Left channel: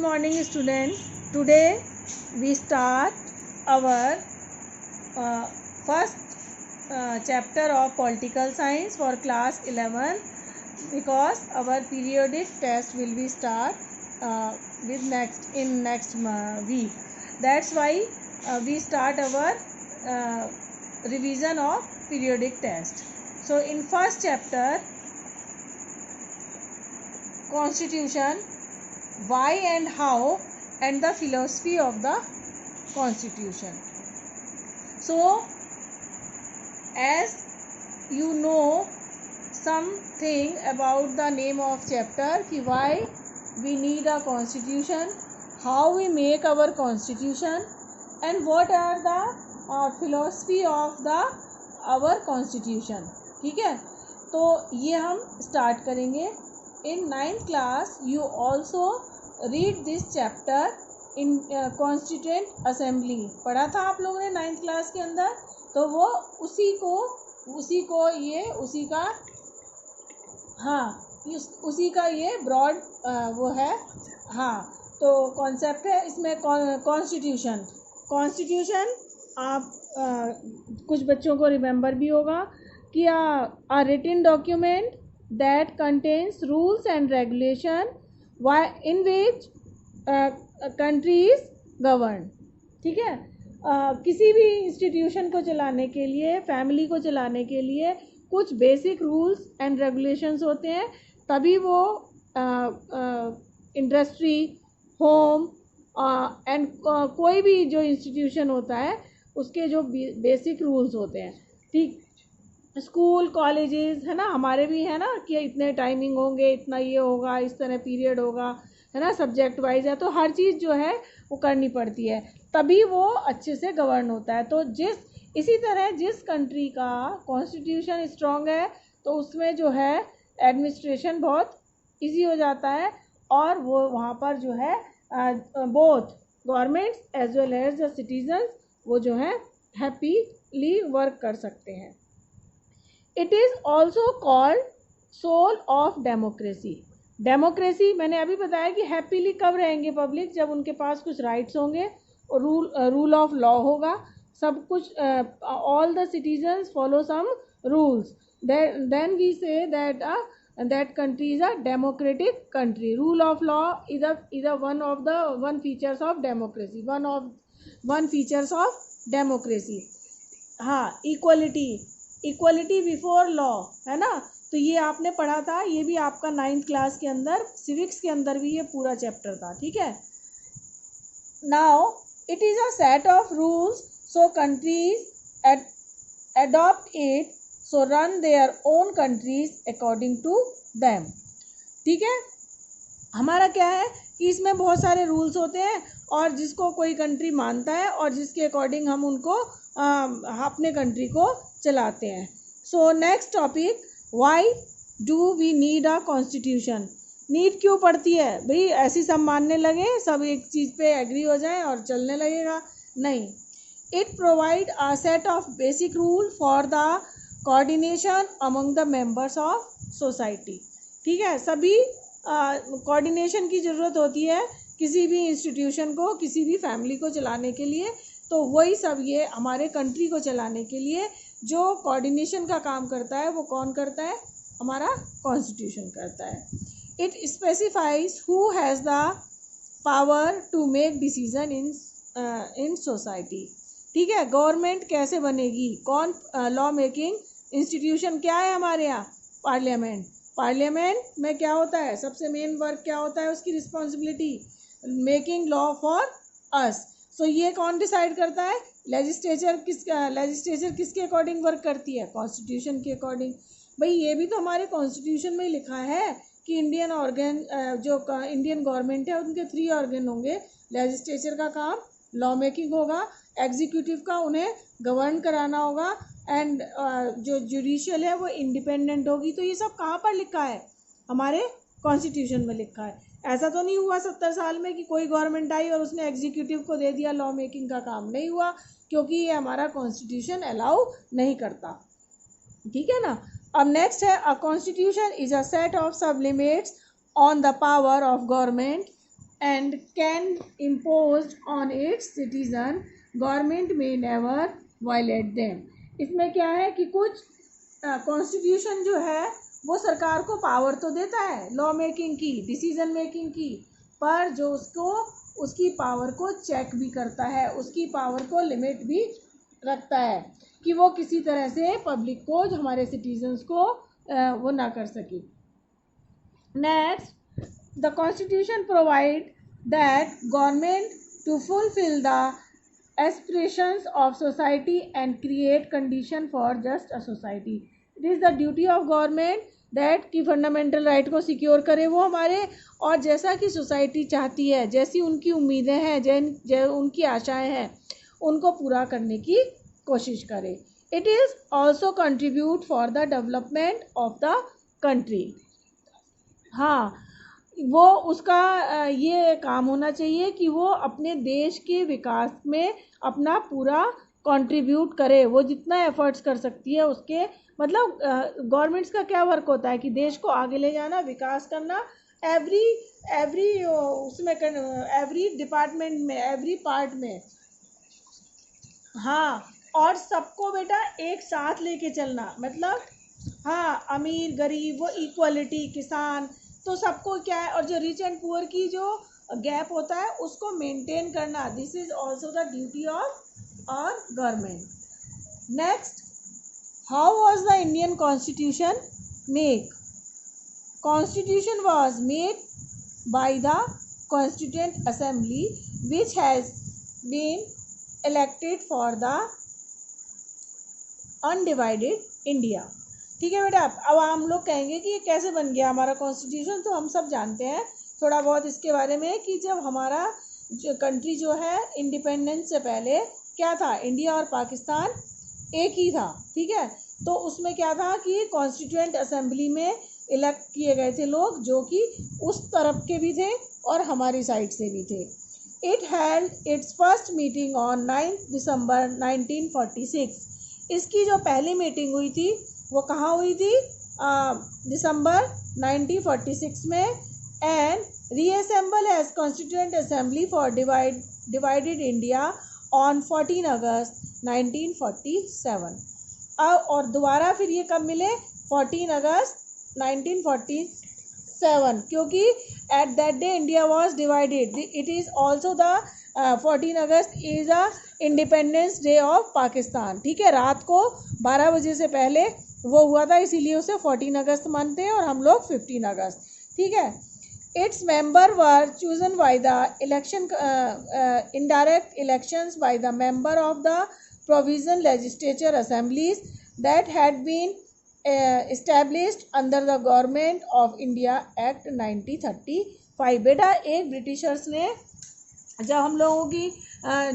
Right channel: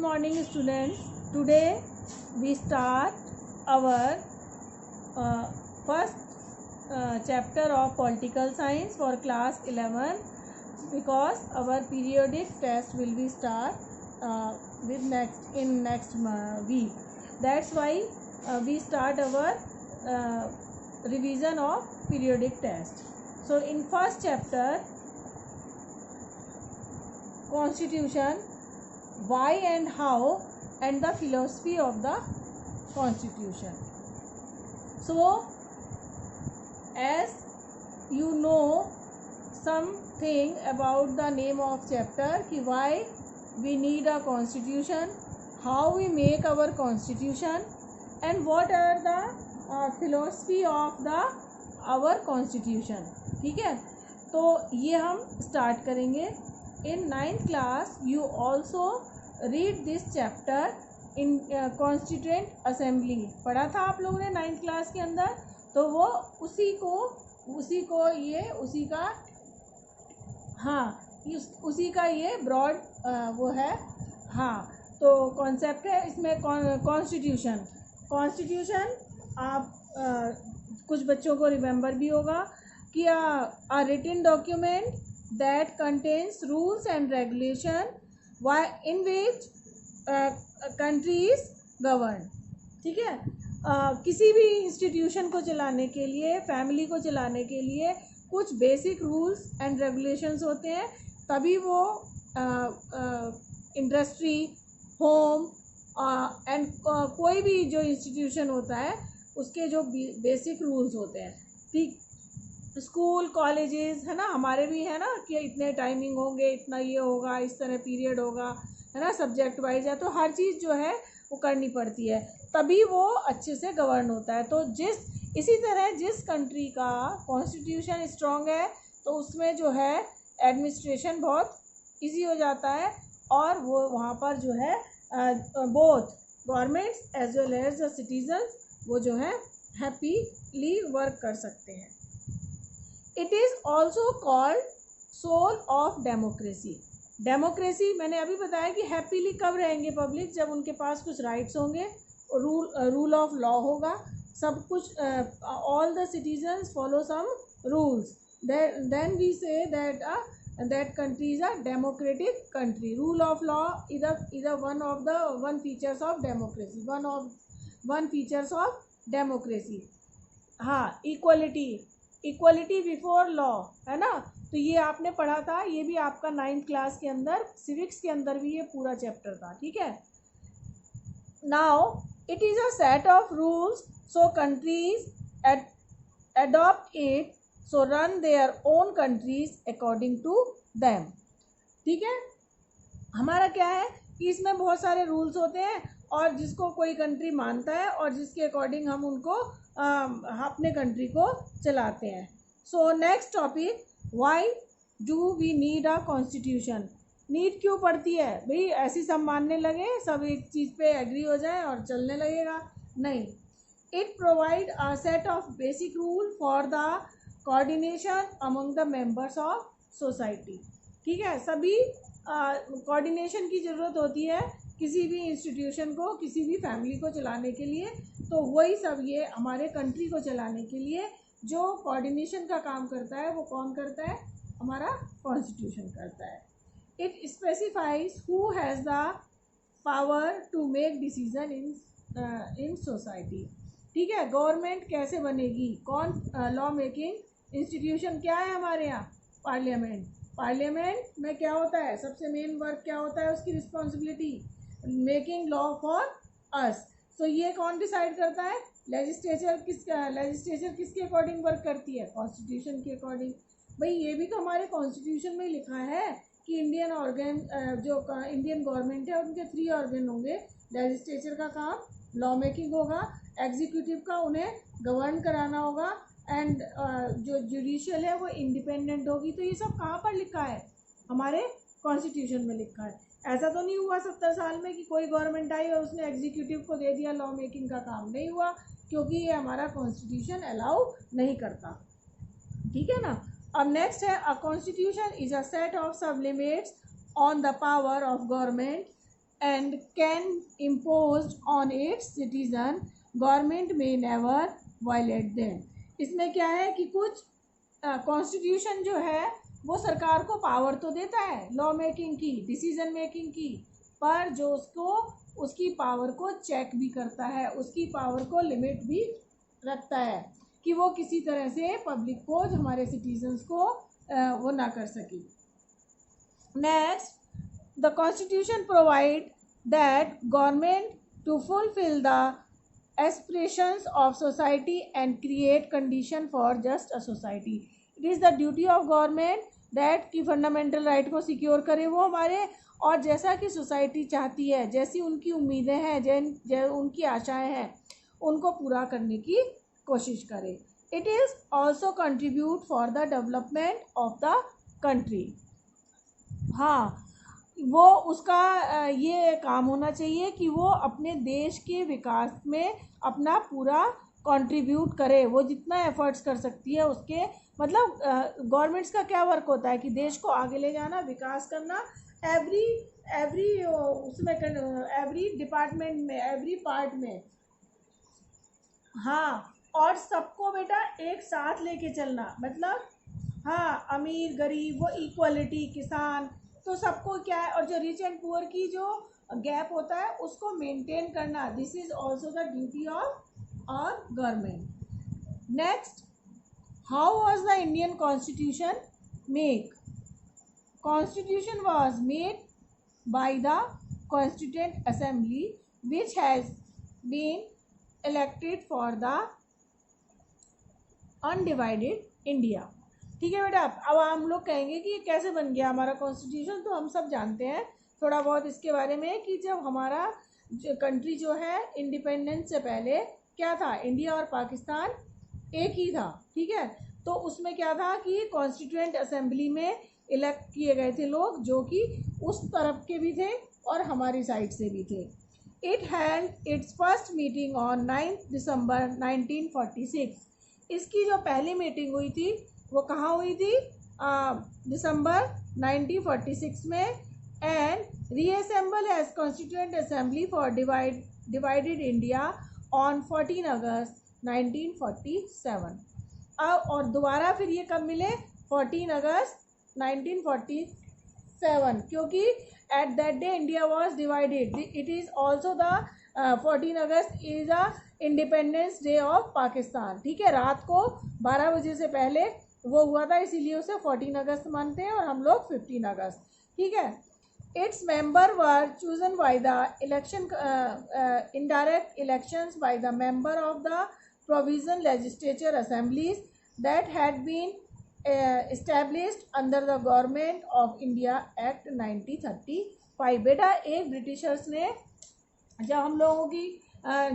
morning students. Today we start our first chapter of political science for class 11 because our periodic test will be start with next week. That's why we start our revision of periodic test. So in first chapter, constitution, why and how, and the philosophy of the constitution. So as you know something about the name of chapter, कि why we need a constitution, how we make our constitution, and what are the philosophy of the our constitution. ठीक है, तो ये हम start करेंगे. In 9th class you also read this chapter in Constituent Assembly. पढ़ा था आप लोगों ने 9th क्लास के अंदर, तो वो उसी का ये ब्रॉड वो है. हाँ, तो कॉन्सेप्ट है इसमें कॉन्स्टिट्यूशन आप कुछ बच्चों को रिमेंबर भी होगा कि a written document that contains rules and regulation in which country is governed. ठीक है, किसी भी इंस्टीट्यूशन को चलाने के लिए, फैमिली को चलाने के लिए कुछ बेसिक रूल्स एंड रेगुलेशंस होते हैं, तभी वो इंडस्ट्री, होम एंड कोई भी जो इंस्टीट्यूशन होता है उसके जो बेसिक रूल्स होते हैं. ठीक, स्कूल कॉलेजेस है ना, हमारे भी है ना कि इतने टाइमिंग होंगे, इतना ये होगा, इस तरह पीरियड होगा, है ना, सब्जेक्ट वाइज है, तो हर चीज़ जो है वो करनी पड़ती है, तभी वो अच्छे से गवर्न होता है. तो इसी तरह जिस कंट्री का कॉन्स्टिट्यूशन स्ट्रॉन्ग है तो उसमें जो है एडमिनिस्ट्रेशन बहुत इजी हो जाता है, और वो वहाँ पर जो है both governments as well as the citizens वो जो है हैप्पीली वर्क कर सकते हैं. It is also called soul of democracy. Democracy मैंने अभी बताया कि हैप्पीली कब रहेंगे पब्लिक, जब उनके पास कुछ राइट्स होंगे और रूल ऑफ लॉ होगा, सब कुछ, all the citizens follow some rules, then we say that country is a democratic country. Rule of law is one features of democracy, one features of democracy. हाँ, equality before law है ना, तो ये आपने पढ़ा था, ये भी आपका 9th क्लास के अंदर, सिविक्स के अंदर भी ये पूरा चैप्टर था. ठीक है, now it is a set of rules, so countries adopt it, so run their own countries according to them. ठीक है, हमारा क्या है कि इसमें बहुत सारे रूल्स होते हैं और जिसको कोई कंट्री मानता है और जिसके अकॉर्डिंग हम उनको अपने कंट्री को चलाते हैं. So next topic, why do we need a constitution. Need क्यों पड़ती है भाई, ऐसी सब मानने लगे, सब एक चीज़ पे एग्री हो जाए और चलने लगेगा? नहीं. It provide a set of basic rule for the coordination among the members of society. ठीक है, सभी कोऑर्डिनेशन की ज़रूरत होती है किसी भी इंस्टीट्यूशन को, किसी भी फैमिली को चलाने के लिए, तो वही सब ये हमारे कंट्री को चलाने के लिए जो कोऑर्डिनेशन का काम करता है वो कौन करता है? हमारा कॉन्स्टिट्यूशन करता है. It specifies who has the power to make decision in society. ठीक है, गवर्नमेंट कैसे बनेगी, कौन लॉ मेकिंग इंस्टीट्यूशन क्या है हमारे यहाँ? पार्लियामेंट. पार्लियामेंट में क्या होता है, सबसे मेन वर्क क्या होता है उसकी responsibility? Making law for us. So ये कौन डिसाइड करता है? लेजिस्लेचर किसके अकॉर्डिंग वर्क करती है? कॉन्स्टिट्यूशन के अकॉर्डिंग. भाई ये भी तो हमारे कॉन्स्टिट्यूशन में लिखा है कि इंडियन गवर्नमेंट है उनके 3 ऑर्गन होंगे. लेजिस्लेचर का काम लॉ मेकिंग होगा, एग्जीक्यूटिव का उन्हें गवर्न कराना होगा, एंड जो जुडिशियल है वो इंडिपेंडेंट होगी. तो ये सब कहाँ पर लिखा है? हमारे कॉन्स्टिट्यूशन में लिखा है. ऐसा तो नहीं हुआ 70 साल में कि कोई गवर्नमेंट आई और उसने एग्जीक्यूटिव को दे दिया लॉ मेकिंग का काम. नहीं हुआ, क्योंकि ये हमारा कॉन्स्टिट्यूशन अलाउ नहीं करता. ठीक है ना. अब नेक्स्ट है, a constitution is a set of sub limits on the power of government and can impose on its citizen, government may never violate them. इसमें क्या है कि कुछ कॉन्स्टिट्यूशन जो है वो सरकार को पावर तो देता है लॉ मेकिंग की, डिसीजन मेकिंग की, पर जो उसको उसकी पावर को चेक भी करता है, उसकी पावर को लिमिट भी रखता है कि वो किसी तरह से पब्लिक को, जो हमारे सिटीजन्स को वो ना कर सके. Next, the constitution provide that government to fulfill the aspirations of society and create condition for just a society. It is the duty of government that कि फंडामेंटल राइट को सिक्योर करे वो हमारे, और जैसा कि सोसाइटी चाहती है, जैसी उनकी उम्मीदें हैं, जो उनकी आशाएं हैं, उनको पूरा करने की कोशिश करे. It is also contribute for the development of the country. हाँ, वो उसका ये काम होना चाहिए कि वो अपने देश के विकास में अपना पूरा कंट्रीब्यूट करे, वो जितना एफर्ट्स कर सकती है उसके, मतलब गवर्नमेंट्स का क्या वर्क होता है कि देश को आगे ले जाना, विकास करना, एवरी उसमें एवरी डिपार्टमेंट में, एवरी पार्ट में. हाँ, और सबको बेटा एक साथ लेके चलना, मतलब हाँ, अमीर गरीब वो इक्वलिटी, किसान, तो सबको क्या है, और जो रिच एंड पुअर की जो गैप होता है उसको मेंटेन करना. This is also the duty of our government. Next, how was the Indian constitution make? Constitution was made by the constituent assembly which has been elected for the undivided India. ठीक है बेटा, अब हम लोग कहेंगे कि ये कैसे बन गया हमारा कॉन्स्टिट्यूशन, तो हम सब जानते हैं थोड़ा बहुत इसके बारे में कि जब हमारा जो कंट्री जो है इंडिपेंडेंस से पहले क्या था, इंडिया और पाकिस्तान एक ही था. ठीक है, तो उसमें क्या था कि कॉन्स्टिट्यूएंट असेंबली में इलेक्ट किए गए थे लोग जो कि उस तरफ के भी थे और हमारी साइड से भी थे. It had it's first meeting on 9 दिसंबर 1946. इसकी जो पहली मीटिंग हुई थी वो कहाँ हुई थी? दिसंबर 1946 में. And reassemble as constituent assembly for divided India on 14 अगस्त 1947. और दोबारा फिर ये कब मिले? 14 अगस्त 1947, क्योंकि at that day India was divided. It is also the 14 August is a independence day of Pakistan. ठीक है, रात को 12 बजे से पहले वो हुआ था, इसीलिए उसे 14 अगस्त मानते हैं और हम लोग 15 अगस्त. ठीक है, its member were chosen by the election, indirect elections by the member of the provision legislature assemblies that had been established under the government of India act 1935. बेटा, एक ब्रिटिशर्स ने जब हम लोगों की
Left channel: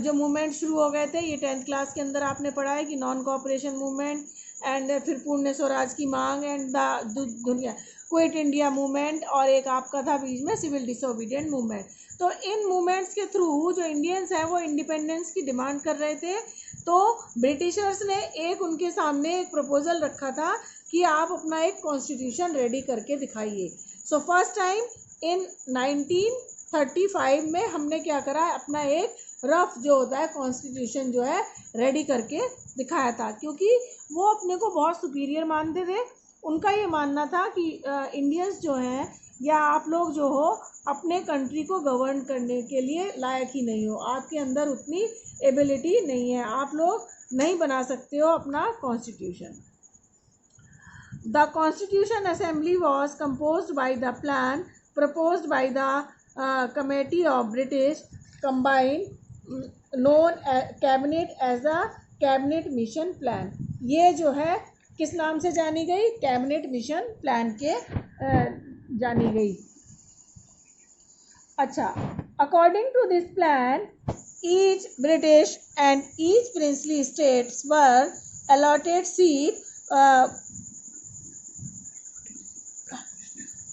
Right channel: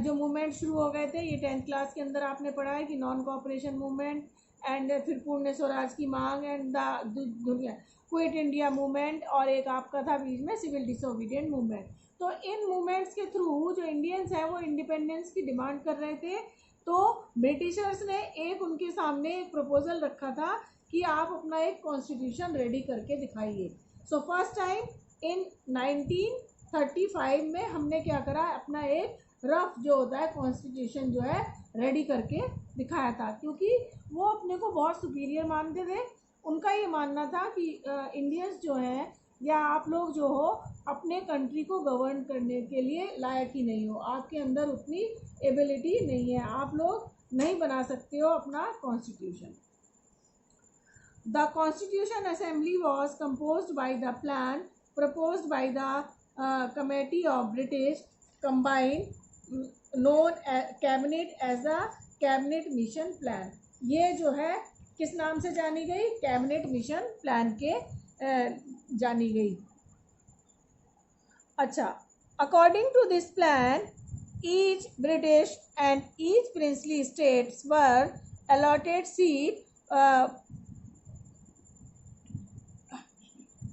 जो मूवमेंट शुरू हो गए थे, ये 10th क्लास के अंदर आपने पढ़ा है कि नॉन कोऑपरेशन मूवमेंट एंड फिर पूर्ण स्वराज की मांग एंड द दुनिया क्विट इंडिया मूवमेंट, और एक आपका था बीच में सिविल डिसोबीडियंट मूवमेंट. तो इन मूवमेंट्स के थ्रू जो इंडियंस हैं वो इंडिपेंडेंस की डिमांड कर रहे थे. तो ब्रिटिशर्स ने एक उनके सामने एक प्रपोजल रखा था कि आप अपना एक कॉन्स्टिट्यूशन रेडी करके दिखाइए. सो फर्स्ट टाइम इन 1935 में हमने क्या करा है, अपना एक रफ जो होता है कॉन्स्टिट्यूशन जो है रेडी करके दिखाया था, क्योंकि वो अपने को बहुत सुपीरियर मानते थे. उनका ये मानना था कि इंडियंस जो हैं या आप लोग जो हो अपने कंट्री को गवर्न करने के लिए लायक ही नहीं हो, आपके अंदर उतनी एबिलिटी नहीं है, आप लोग नहीं बना सकते हो अपना constitution. The Constitution Assembly was composed by the plan proposed by the Committee of British Combined known cabinet as the Cabinet Mission Plan. ये जो है किस नाम से जानी गई? कैबिनेट मिशन प्लान के जानी गई. अच्छा, according to this plan, each British and each princely states were allotted seat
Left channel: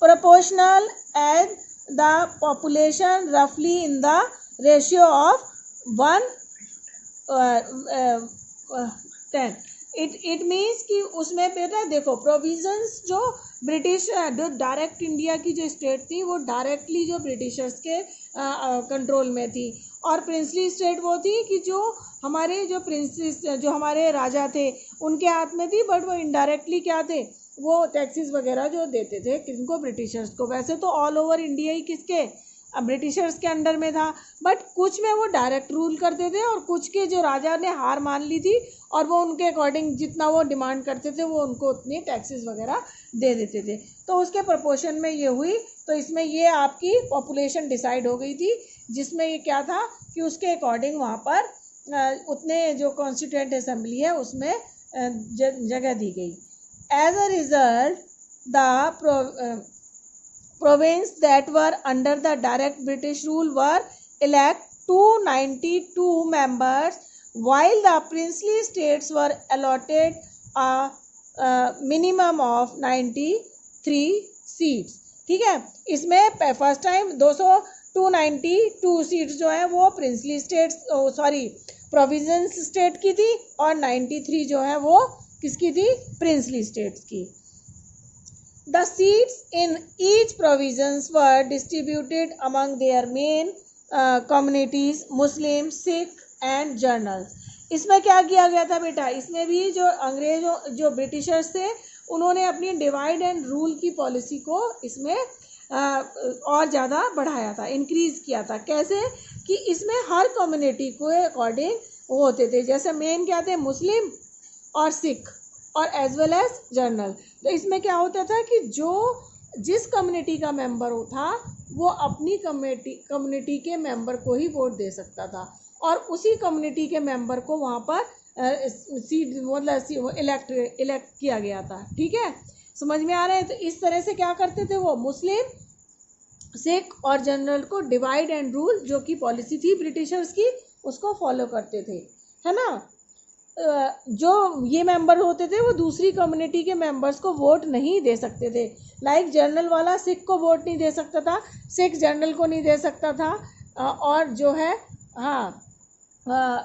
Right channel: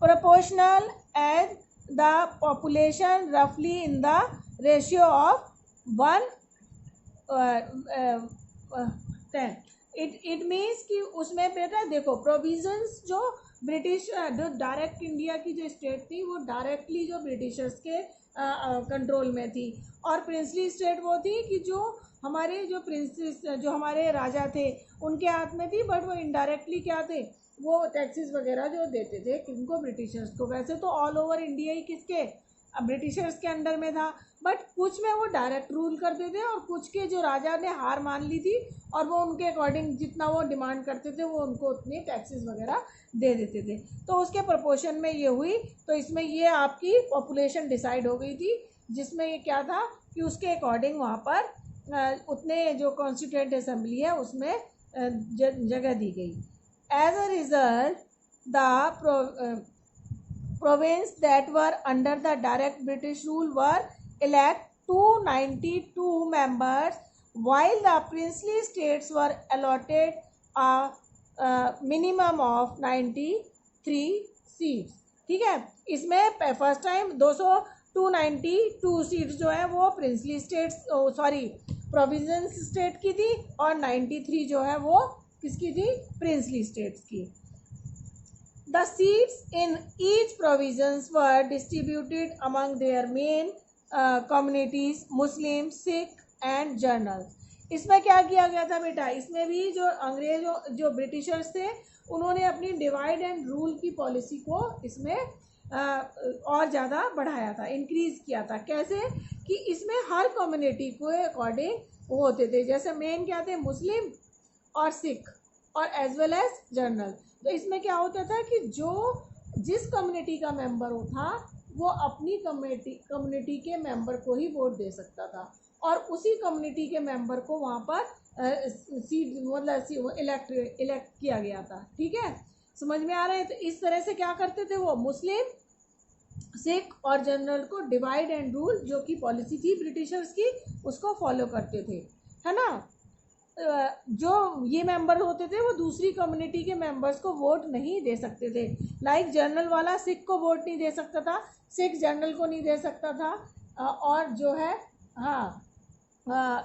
proportional as the population roughly in the ratio of 1:10. It means कि उसमें बेटा देखो प्रोविजंस जो ब्रिटिश जो डायरेक्ट इंडिया की जो स्टेट थी वो डायरेक्टली जो ब्रिटिशर्स के कंट्रोल में थी, और प्रिंसली स्टेट वो थी कि जो हमारे जो प्रिंसेस जो हमारे राजा थे उनके हाथ में थी, बट वो इनडायरेक्टली क्या थे, वो टैक्सेस वगैरह जो देते थे किनको, ब्रिटिशर्स को। वैसे तो ऑल ओवर इंडिया ही किसके, ब्रिटिशर्स के अंडर में था, बट कुछ में वो डायरेक्ट रूल करते थे और कुछ के जो राजा ने हार मान ली थी और वो उनके अकॉर्डिंग जितना वो डिमांड करते थे वो उनको उतनी टैक्सेस वगैरह दे देते थे। तो उसके प्रपोर्शन में ये हुई, तो इसमें ये आपकी पॉपुलेशन डिसाइड हो गई थी, जिसमें ये क्या था कि उसके अकॉर्डिंग वहाँ पर उतने जो कॉन्स्टिट्यूएंट असेंबली है उसमें जगह दी गई। As a result the province that were under the direct British rule were elect 292 members, while the princely states were allotted a minimum of 93 seats। ठीक है, इसमें फर्स्ट टाइम 292 सीट्स जो है वो प्रिंसली स्टेट्स प्रोविंस स्टेट की थी, और 93 जो है वो किसकी थी, प्रिंसली स्टेट्स की। The seats in each province were distributed among their main communities, Muslim, Sikh and Journals। इसमें क्या किया गया था बेटा, इसमें भी जो अंग्रेजों जो ब्रिटिशर्स थे उन्होंने अपनी डिवाइड एंड रूल की पॉलिसी को इसमें और ज़्यादा बढ़ाया था, इंक्रीज़ किया था। कैसे कि इसमें हर कम्युनिटी को अकॉर्डिंग वो होते थे, जैसे मेन क्या थे, मुस्लिम और सिख और एज वेल एज जर्नल। तो इसमें क्या होता था कि जो जिस कम्युनिटी का मेंबर हो था वो अपनी कम्युनिटी के मेंबर को ही वोट दे सकता था, और उसी कम्युनिटी के मेंबर को वहाँ पर सीट मतलब इलेक्ट किया गया था। ठीक है, समझ में आ रहा है। तो इस तरह से क्या करते थे वो, मुस्लिम, सिख और जनरल को डिवाइड एंड रूल जो कि पॉलिसी थी ब्रिटिशर्स की उसको फॉलो करते थे, है ना। जो ये मेंबर होते थे वो दूसरी कम्युनिटी के मेंबर्स को वोट नहीं दे सकते थे। लाइक जनरल वाला सिख को वोट नहीं दे सकता था, सिख जनरल को नहीं दे सकता था, और जो है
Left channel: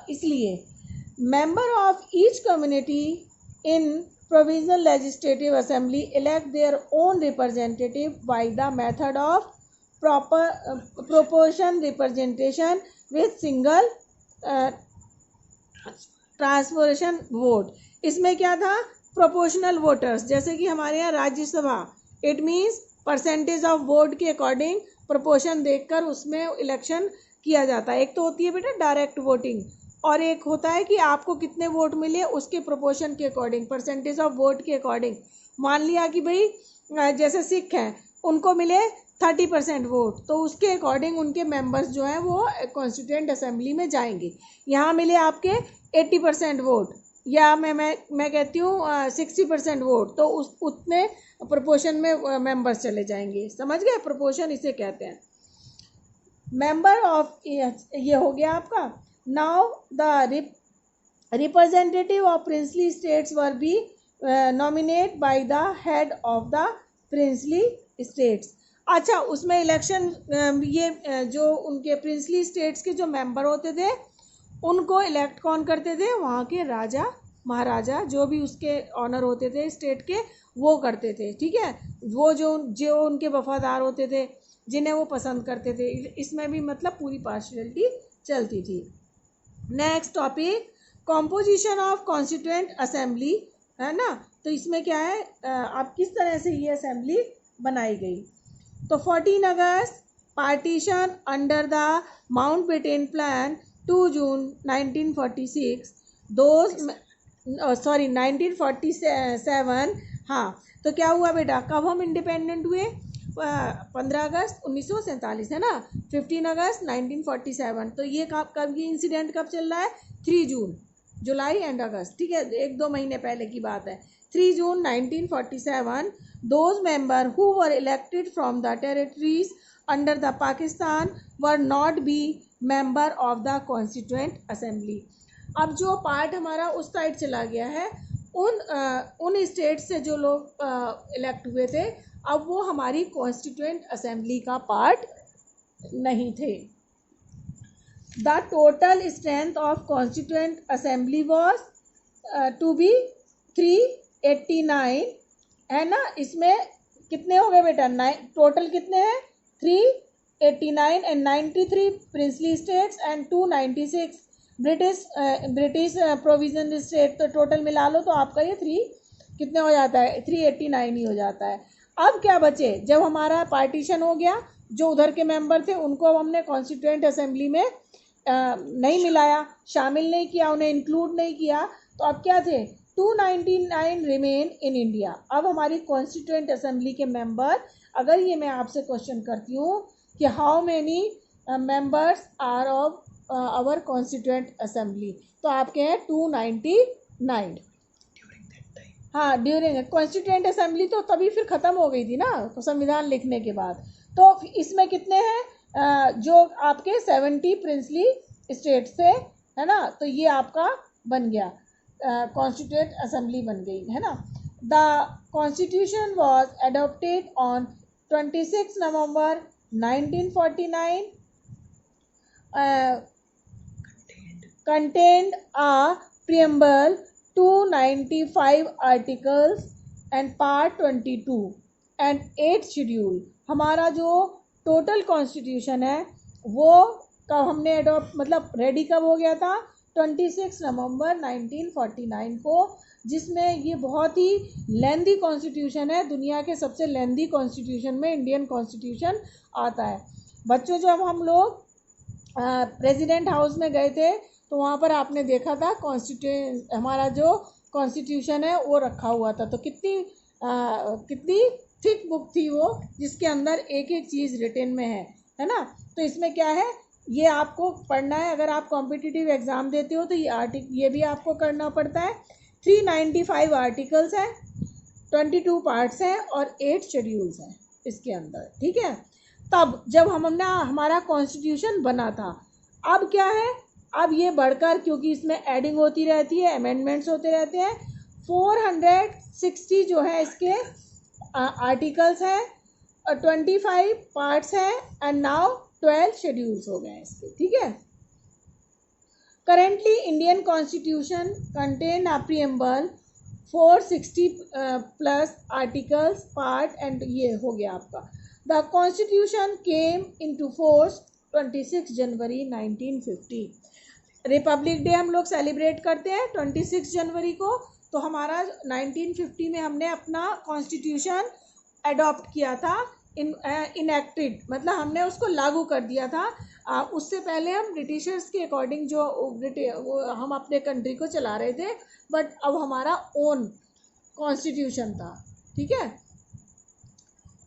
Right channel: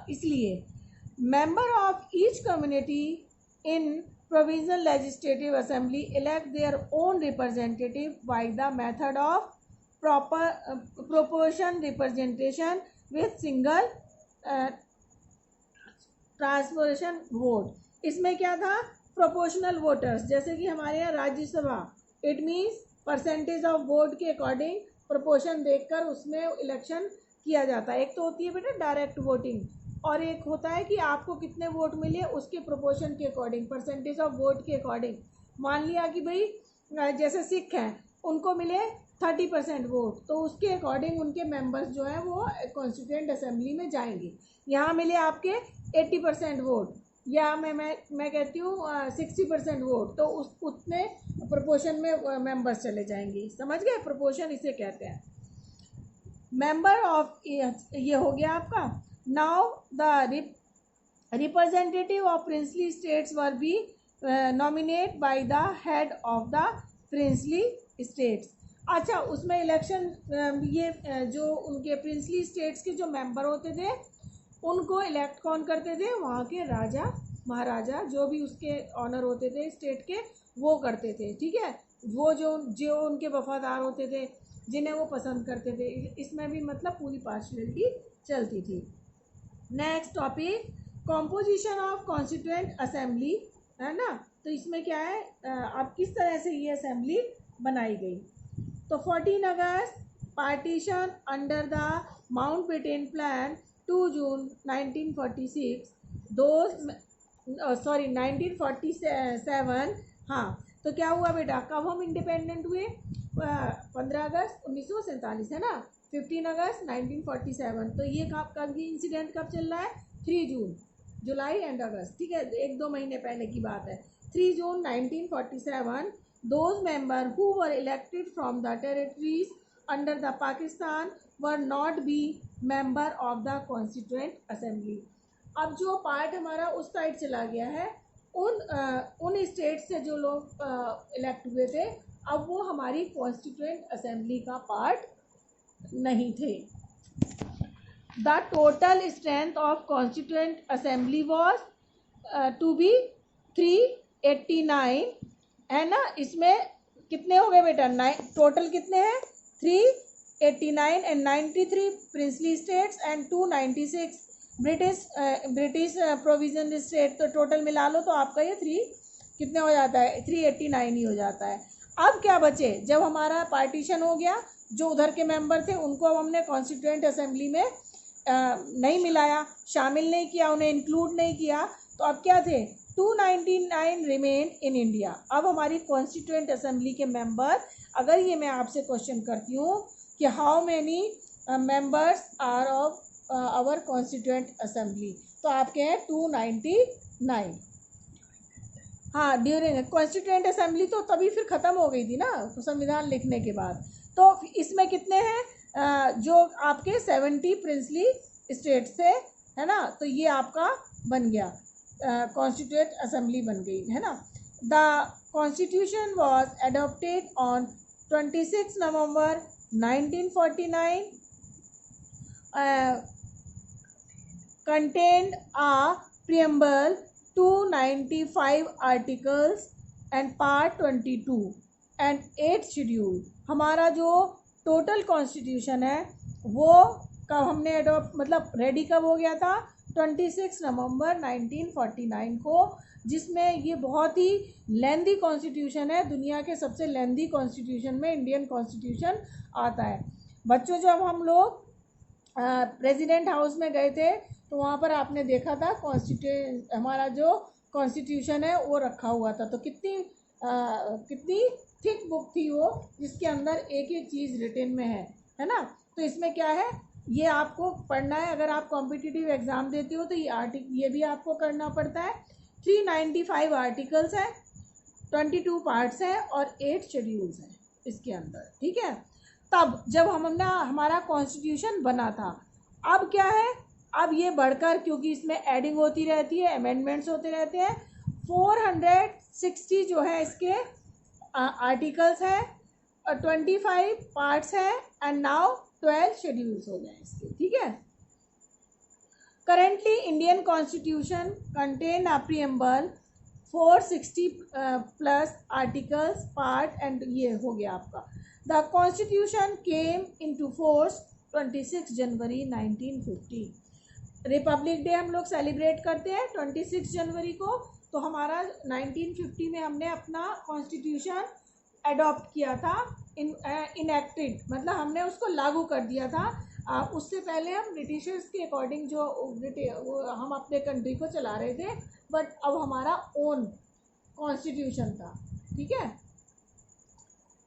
इसलिए member of each community in provisional legislative assembly elect their own representative by the method of proportion representation with single transferation vote. इसमें क्या था, प्रोपोर्शनल वोटर्स, जैसे कि हमारे यहाँ Rajya Sabha, it means percentage of vote के अकॉर्डिंग प्रोपोर्शन देखकर उसमें इलेक्शन किया जाता है। एक तो होती है बेटा डायरेक्ट वोटिंग, और एक होता है कि आपको कितने वोट मिले उसके प्रोपोर्शन के अकॉर्डिंग, परसेंटेज ऑफ वोट के अकॉर्डिंग। मान लिया कि भाई जैसे सिख हैं उनको मिले 30% वोट, तो उसके अकॉर्डिंग उनके मेंबर्स जो हैं वो कॉन्स्टिट्यूएंट असेंबली में जाएंगे। यहाँ मिले आपके 80% वोट, या मैं कहती हूँ 60% वोट, तो उतने प्रोपोर्शन में मेंबर्स चले जाएंगे। समझ गए, प्रोपोर्शन इसे कहते हैं। मेंबर ऑफ ये हो गया आपका। Now the representative of princely states were be nominate by the head of the princely states. अच्छा, उसमें इलेक्शन ये जो उनके प्रिंसली स्टेट्स के जो मेंबर होते थे उनको इलेक्ट कौन करते थे, वहाँ के राजा महाराजा जो भी उसके ऑनर होते थे स्टेट के, वो करते थे। ठीक है, वो जो उनके वफादार होते थे, जिन्हें वो पसंद करते थे। इसमें भी मतलब पूरी पार्शियलिटी चलती थी। Next topic, composition of constituent assembly, है ना। तो इसमें क्या है, अब किस तरह से ये असेंबली बनाई गई। तो 14 अगस्त partition under the Mountbatten plan 2 June 1946 1947। हाँ, तो क्या हुआ बेटा, कब हम इंडिपेंडेंट हुए, 15 अगस्त 1947, है ना। 15 अगस्त 1947, तो ये कब ये इंसिडेंट कब चल रहा है, 3 जून, जुलाई एंड अगस्त। ठीक है, 1-2 महीने पहले की बात है। 3 जून 1947, those members who were elected from the territories under the Pakistan were not be member of the constituent assembly। अब जो पार्ट हमारा उस साइड चला गया है, उन स्टेट से जो लोग इलेक्ट हुए थे, अब वो हमारी कॉन्स्टिट्यूएंट असेंबली का पार्ट नहीं थे। The total strength of constituent assembly was to be 389, है ना। इसमें कितने हो गए बेटा? टोटल कितने हैं? 389 and 93 princely states and 296 British provision state. तो टोटल मिला लो तो आपका ये 3 कितने हो जाता है? 389 ही हो जाता है। अब क्या बचे? जब हमारा पार्टीशन हो गया, जो उधर के मेंबर थे उनको अब हमने कॉन्स्टिट्यूएंट असेंबली में नहीं मिलाया, शामिल नहीं किया, उन्हें इंक्लूड नहीं किया, तो अब क्या थे? 299 रिमेन इन इंडिया। अब हमारी कॉन्स्टिट्यूएंट असेंबली के मेंबर, अगर ये मैं आपसे क्वेश्चन करती हूँ कि how many members are of our constituent assembly, तो आपके हैं 299। हाँ, ड्यूरिंग कॉन्स्टिट्यूएंट असेंबली तो तभी फिर ख़त्म हो गई थी ना, तो संविधान लिखने के बाद। तो इसमें कितने हैं? जो आपके 70 प्रिंसली स्टेट्स थे, है ना, तो ये आपका बन गया, कॉन्स्टिट्यूएंट असेंबली बन गई, है ना। The constitution was adopted on 26 November 1949, contained a preamble, 295 articles and part 22 and 8 schedule. हमारा जो टोटल कॉन्स्टिट्यूशन है वो कब हमने एडॉप्ट, मतलब रेडी कब हो गया था? 26 नवंबर 1949 को, जिसमें ये बहुत ही लेंदी कॉन्स्टिट्यूशन है। दुनिया के सबसे लेंदी कॉन्स्टिट्यूशन में इंडियन कॉन्स्टिट्यूशन आता है। बच्चों, जब हम लोग प्रेसिडेंट हाउस में गए थे तो वहाँ पर आपने देखा था हमारा जो कॉन्स्टिट्यूशन है वो रखा हुआ था। तो कितनी थिक बुक थी वो, जिसके अंदर एक एक चीज़ रिटन में है ना। तो इसमें क्या है, ये आपको पढ़ना है। अगर आप कॉम्पिटिटिव एग्ज़ाम देते हो तो ये भी आपको करना पड़ता है। 395 आर्टिकल्स हैं, 22 पार्ट्स हैं और 8 शेड्यूल्स हैं इसके अंदर, ठीक है। तब जब हमने हमारा कॉन्स्टिट्यूशन बना था, अब क्या है, अब ये बढ़कर, क्योंकि इसमें एडिंग होती रहती है, अमेंडमेंट्स होते रहते हैं, 460 जो है इसके आर्टिकल्स हैं और 25 पार्ट्स हैं एंड नाउ 12 शेड्यूल्स हो गए हैं इसके, ठीक है। Currently Indian constitution contain a preamble 460 plus articles, part and ये हो गया आपका। The constitution came into force 26 January 1950। Republic day हम लोग सेलिब्रेट करते हैं 26 जनवरी को। तो हमारा 1950 में हमने अपना कॉन्स्टिट्यूशन अडॉप्ट किया था, इनएक्टेड, मतलब हमने उसको लागू कर दिया था। उससे पहले हम ब्रिटिशर्स के अकॉर्डिंग हम अपने कंट्री को चला रहे थे, बट अब हमारा ओन कॉन्स्टिट्यूशन था, ठीक है।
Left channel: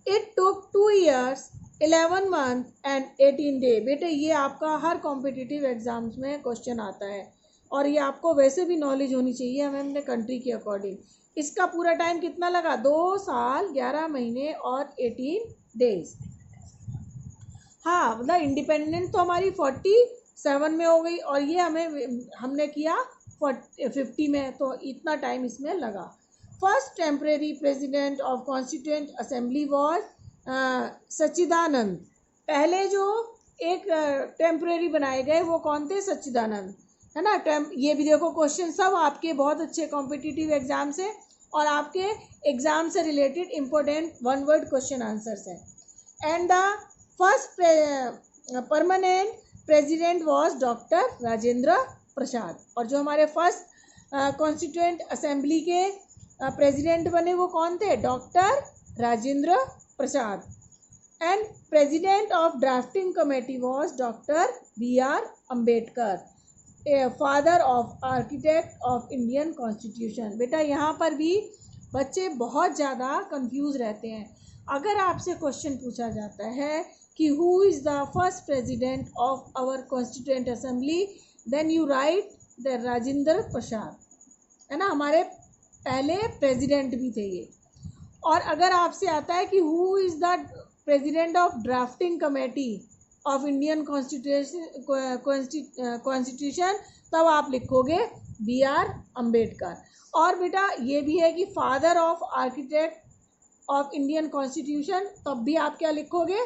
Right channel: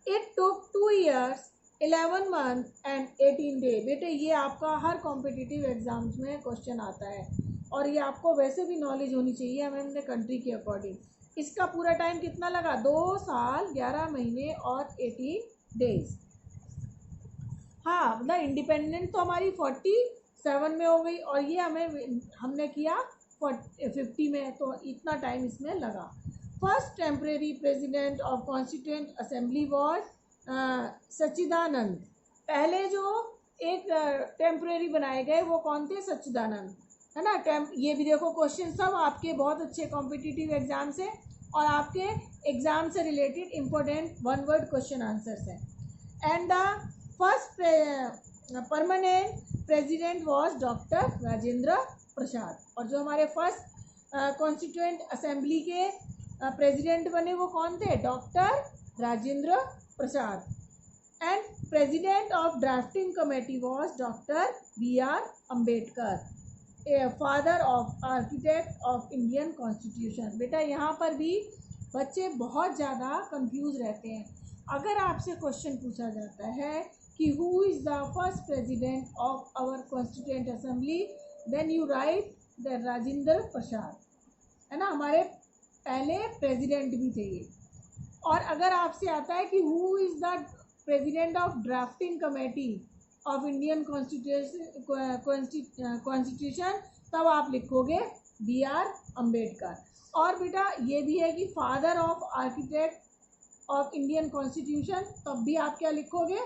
It took 2 years 11 month and 18 day। बेटे ये आपका हर कॉम्पिटिटिव एग्जाम्स में क्वेश्चन आता है और ये आपको वैसे भी नॉलेज होनी चाहिए हमें अपने कंट्री के अकॉर्डिंग। इसका पूरा टाइम कितना लगा? 2 साल 11 महीने और 18 डेज। हाँ, मतलब इंडिपेंडेंट तो हमारी 47 में हो गई और ये हमने किया 50 में, तो इतना टाइम इसमें लगा। First temporary president of constituent assembly was Sachchidananda. पहले जो एक टेम्परेरी बनाए गए वो कौन थे? सच्चिदानंद, है ना। ये भी देखो क्वेश्चन सब आपके बहुत अच्छे कॉम्पिटिटिव एग्जाम से और आपके एग्जाम से related important 1 word question answers हैं। And the first permanent president was doctor Rajendra Prasad. और जो हमारे फर्स्ट कॉन्स्टिट्यूएंट असेंबली के प्रेसिडेंट बने वो कौन थे? Doctor Rajendra Prasad. And president of drafting committee was doctor B.R. Ambedkar, father of architect of Indian constitution. बेटा यहाँ पर भी बच्चे बहुत ज़्यादा कंफ्यूज रहते हैं। अगर आपसे क्वेश्चन पूछा जाता है कि who is the first president of our constituent assembly, then you write the Rajendra Prasad, है ना, हमारे पहले प्रेसिडेंट भी थे ये। और अगर आपसे आता है कि who is the president of drafting committee of Indian constitution, तब आप लिखोगे B.R. अम्बेडकर। और बेटा ये भी है कि father of architect of Indian constitution, तब भी आप क्या लिखोगे?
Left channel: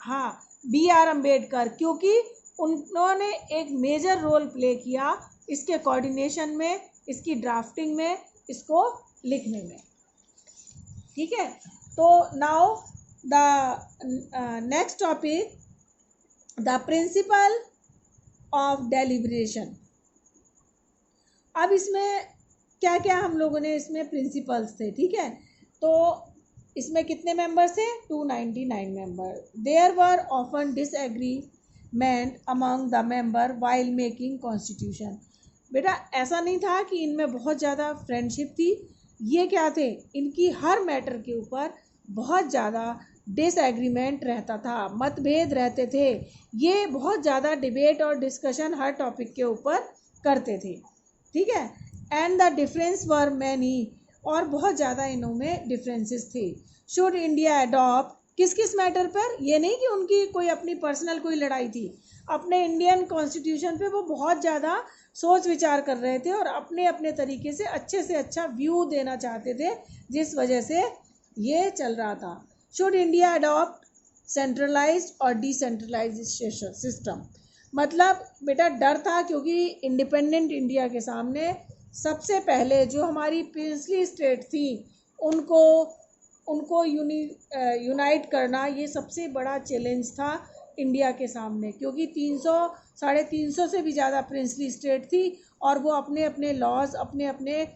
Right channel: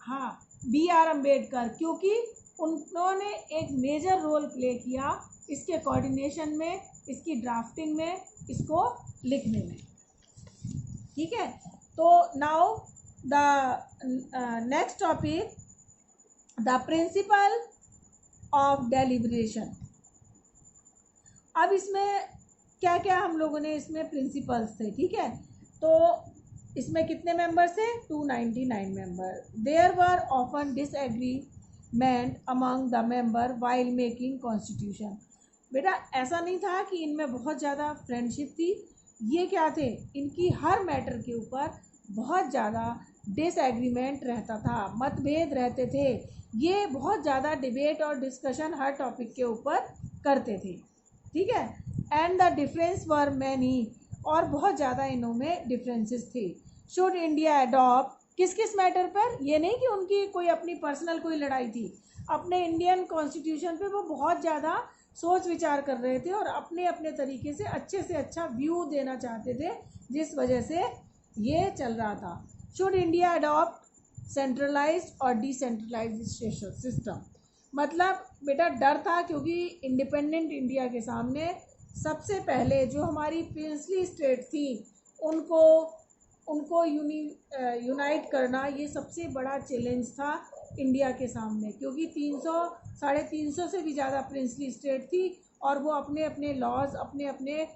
हाँ, B.R. अम्बेडकर, क्योंकि उन्होंने एक मेजर रोल प्ले किया इसके कोऑर्डिनेशन में, इसकी ड्राफ्टिंग में, इसको लिखने में, ठीक है। तो now the next topic, the principle of deliberation. अब इसमें क्या क्या हम लोगों ने इसमें प्रिंसिपल्स थे, ठीक है। तो इसमें कितने मेंबर्स थे, 299 member. There were often disagreement among the member while making constitution. बेटा ऐसा नहीं था कि इनमें बहुत ज़्यादा फ्रेंडशिप थी, ये क्या थे, इनकी हर मैटर के ऊपर बहुत ज़्यादा डिसएग्रीमेंट रहता था, मतभेद रहते थे। ये बहुत ज़्यादा डिबेट और डिस्कशन हर टॉपिक के ऊपर करते थे, ठीक है। And the difference were many, और बहुत ज़्यादा इनमें डिफरेंसेस थे। शुड इंडिया अडॉप्ट, किस किस मैटर पर, ये नहीं कि उनकी कोई अपनी पर्सनल कोई लड़ाई थी, अपने इंडियन कॉन्स्टिट्यूशन पे वो बहुत ज़्यादा सोच विचार कर रहे थे और अपने अपने तरीके से अच्छा व्यू देना चाहते थे, जिस वजह से ये चल रहा था। शुड इंडिया अडॉप्ट सेंट्रलाइज्ड और डिसेंट्रलाइज्ड सिस्टम, मतलब बेटा डर था, क्योंकि इंडिपेंडेंट इंडिया के सामने सबसे पहले जो हमारी प्रिंसली स्टेट थी उनको यूनाइट करना, ये सबसे बड़ा चैलेंज था इंडिया के सामने, क्योंकि 300-350 से भी ज़्यादा प्रिंसली स्टेट थी और वो अपने अपने लॉज, अपने अपने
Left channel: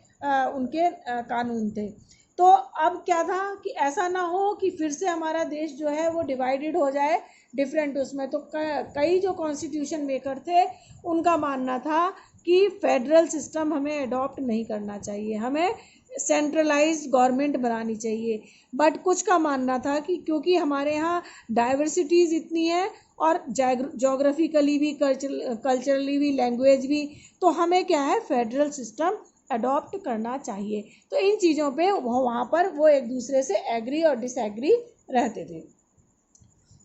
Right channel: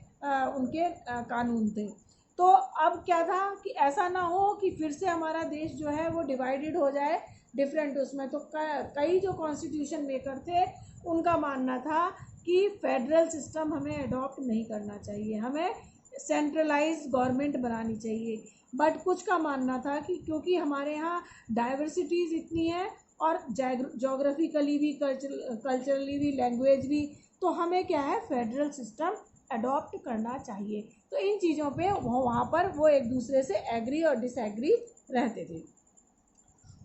उनके कानून थे। तो अब क्या था कि ऐसा ना हो कि फिर से हमारा देश जो है वो डिवाइडेड हो जाए डिफरेंट उसमें। तो कई जो कॉन्स्टिट्यूशन मेकर थे उनका मानना था कि फेडरल सिस्टम हमें अडॉप्ट नहीं करना चाहिए, हमें सेंट्रलाइज्ड गवर्नमेंट बनानी चाहिए। बट कुछ का मानना था कि क्योंकि हमारे यहाँ डाइवर्सिटीज़ इतनी है और जोग्राफिकली भी, कल्चरली भी, लैंग्वेज भी, तो हमें क्या है, फेडरल सिस्टम अडॉप्ट करना चाहिए। तो इन चीज़ों पे वहाँ पर वो एक दूसरे से एग्री और डिसएग्री रहते थे।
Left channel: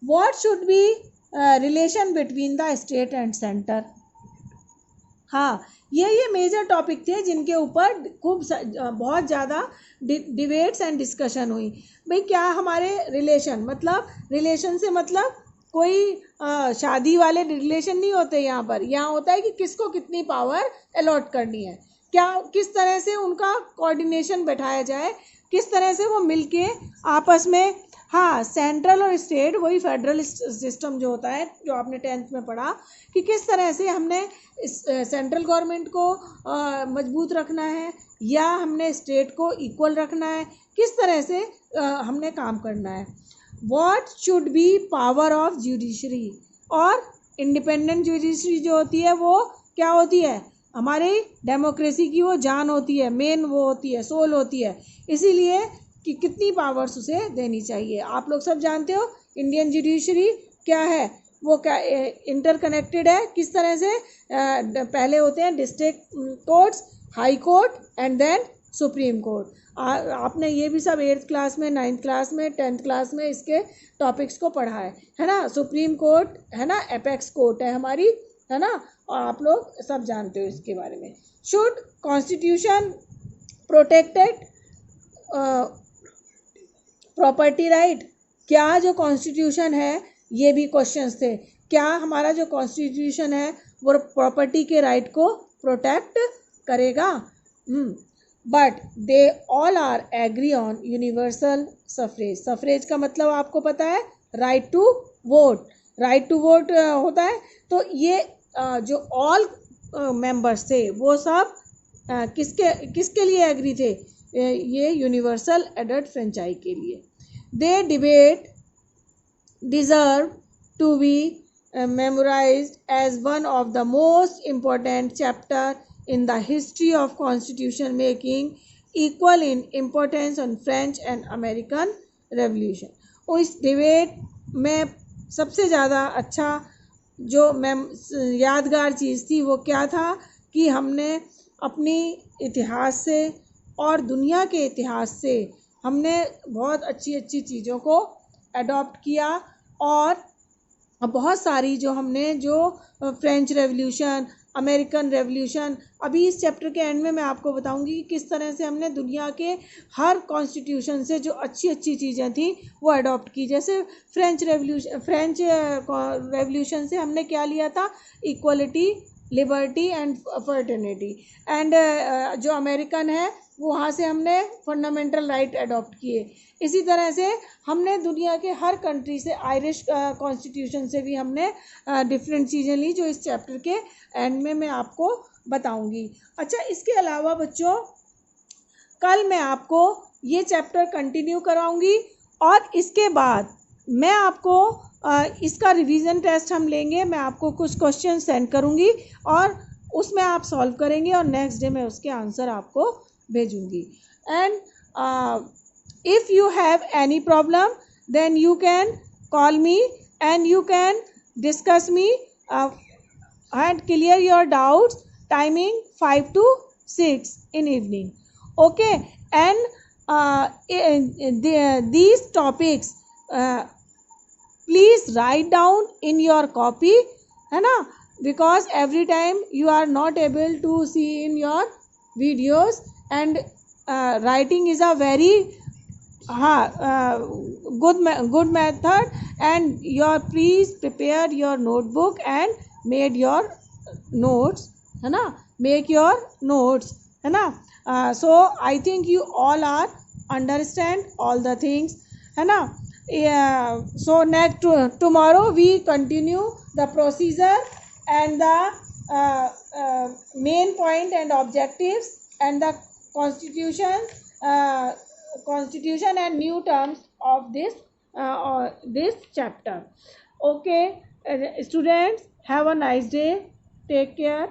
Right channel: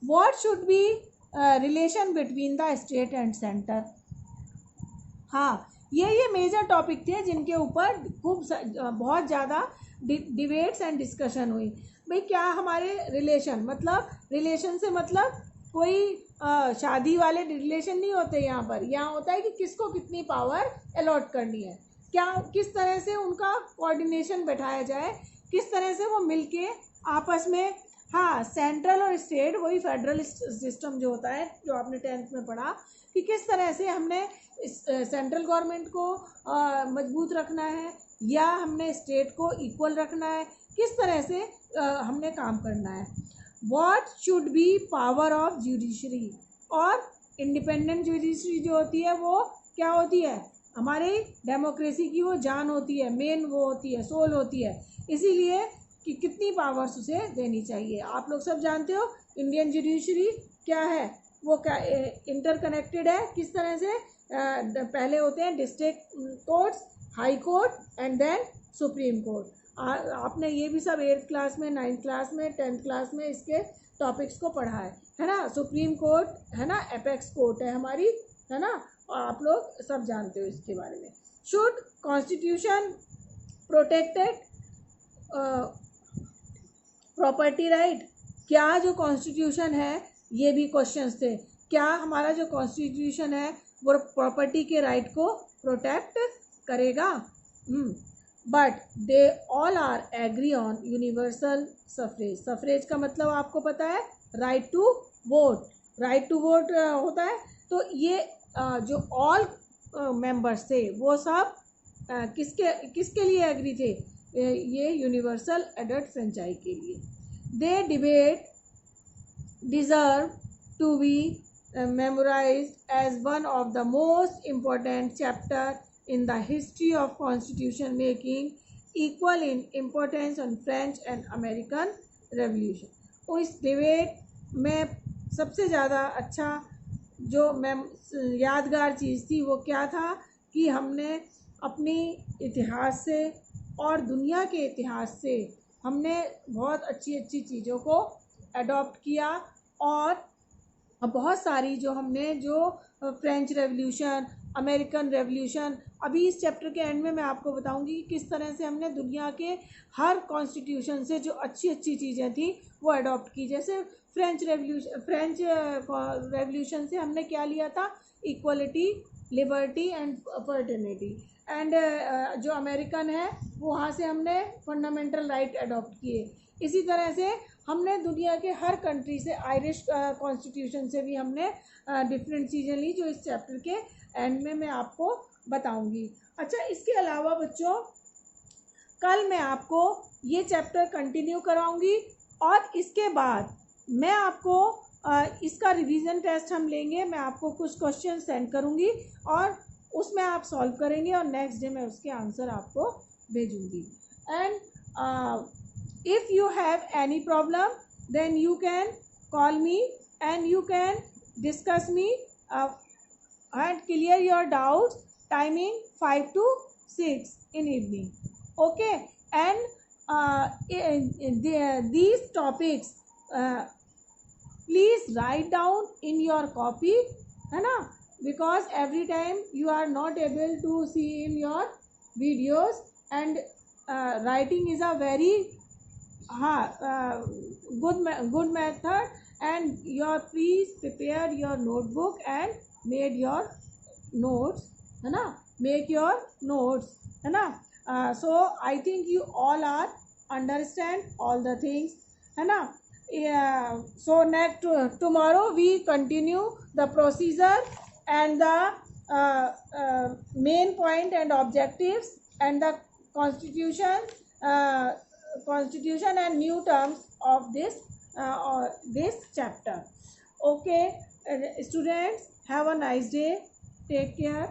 What should be relation between the state and centre. हाँ, ये मेजर टॉपिक थे जिनके ऊपर खूब बहुत ज़्यादा डिबेट्स एंड डिस्कशन हुई। भाई क्या हमारे रिलेशन, मतलब रिलेशन से मतलब कोई शादी वाले रिलेशन नहीं होते यहाँ पर। यहाँ होता है कि किसको कितनी पावर अलॉट करनी है, क्या किस तरह से उनका कोऑर्डिनेशन बैठाया जाए, किस तरह से वो मिलके आपस में। हाँ, सेंट्रल और स्टेट, वही फेडरल सिस्टम जो होता है जो आपने 10th में पढ़ा, कि किस तरह से हमने सेंट्रल गवर्नमेंट को मजबूत रखना है या हमने स्टेट को इक्वल रखना है, किस तरह से हमने काम करना है। What should be power of judiciary, और इंडिपेंडेंट जुडिशरी जो होती है वो क्या होती है, हमारी डेमोक्रेसी की वो जान होती है, मेन वो होती है, सोल होती है। इसीलिए कि कितनी पावर्स उसे देनी चाहिए। आप लोग सब जानते हो इंडियन जुडिशरी क्या है, वो क्या इंटरकनेक्टेड है, किस तरह से पहले होते हैं district courts, high court and then supreme court. आपने ये भी सब 8th क्लास में, 9th क्लास में, 10th क्लास में इसके टॉपिक्स को पढ़ा है ना। सुप्रीम कोर्ट है ना, एपेक्स कोर्ट है हमारी, है ना, और आप लोग सब जानते हो इसके बारे में। Should constitution protected property right, क्या जो कॉन्स्टिट्यूशन है, ये भी क्वेश्चंस थे, क्या हमारा जो कॉन्स्टिट्यूशन है वो प्रॉपर्टी के राइट को प्रोटेक्ट करेगा। But they all are agree on universal suffrage. Suffrage का मतलब आपको पता है, right to vote, right to vote होता है। तो ये जो ऑल मेंबर्स थे वो सब किसके लिए एग्री थे, ये यूनिवर्सल एडल्ट फ्रेंचाइज के लिए। दे debate deserve to be memorized as one of the most important chapter in the history of constitution making, equal in importance on French and American Revolution। और इस डिबेट में सबसे ज़्यादा अच्छा जो यादगार चीज़ थी वो क्या था कि हमने अपनी इतिहास से और दुनिया के इतिहास से हमने बहुत अच्छी अच्छी चीज़ों को अडॉप्ट किया, और बहुत सारी जो हमने जो फ्रेंच रेवोल्यूशन, अमेरिकन रेवोल्यूशन, अभी इस चैप्टर के एंड में मैं आपको बताऊंगी कि किस तरह से हमने दुनिया के हर कॉन्स्टिट्यूशन से जो अच्छी अच्छी चीज़ें थी वो अडॉप्ट की। जैसे फ्रेंच रेवोल्यूशन से हमने क्या लिया था, equality, liberty and fraternity. And जो अमेरिकन है वहाँ से हमने फंडामेंटल राइट अडॉप्ट किए। इसी तरह से हमने दुनिया के हर कंट्री से, आयरिश कॉन्स्टिट्यूशन से भी हमने डिफरेंट चीज़ें ली, जो इस चैप्टर के एंड में मैं आपको बताऊंगी। अच्छा, इसके अलावा बच्चों कल मैं आपको ये चैप्टर कंटिन्यू कराऊंगी और इसके बाद मैं आपको इसका रिवीजन टेस्ट हम लेंगे। मैं आपको कुछ क्वेश्चन सेंड करूंगी और उसमें आप सॉल्व करेंगे और नेक्स्ट डे मैं उसके आंसर आपको भेजूंगी। And if you have any problem, then you can call me and you can discuss me and clear your doubts, timing 5 to 6 in evening. Okay, and these topics please write down in your copy, है ना, because every time you are not able to see in your videos, and writing is a very good method, and your please prepare your notebook and made your notes, है ना, make your notes, है ना. So I think you all are understand all the things, है ना. So next tomorrow we continue the procedure and the main point and objectives and the constitution and new terms of this chapter. Okay, students, have a nice day. Take care.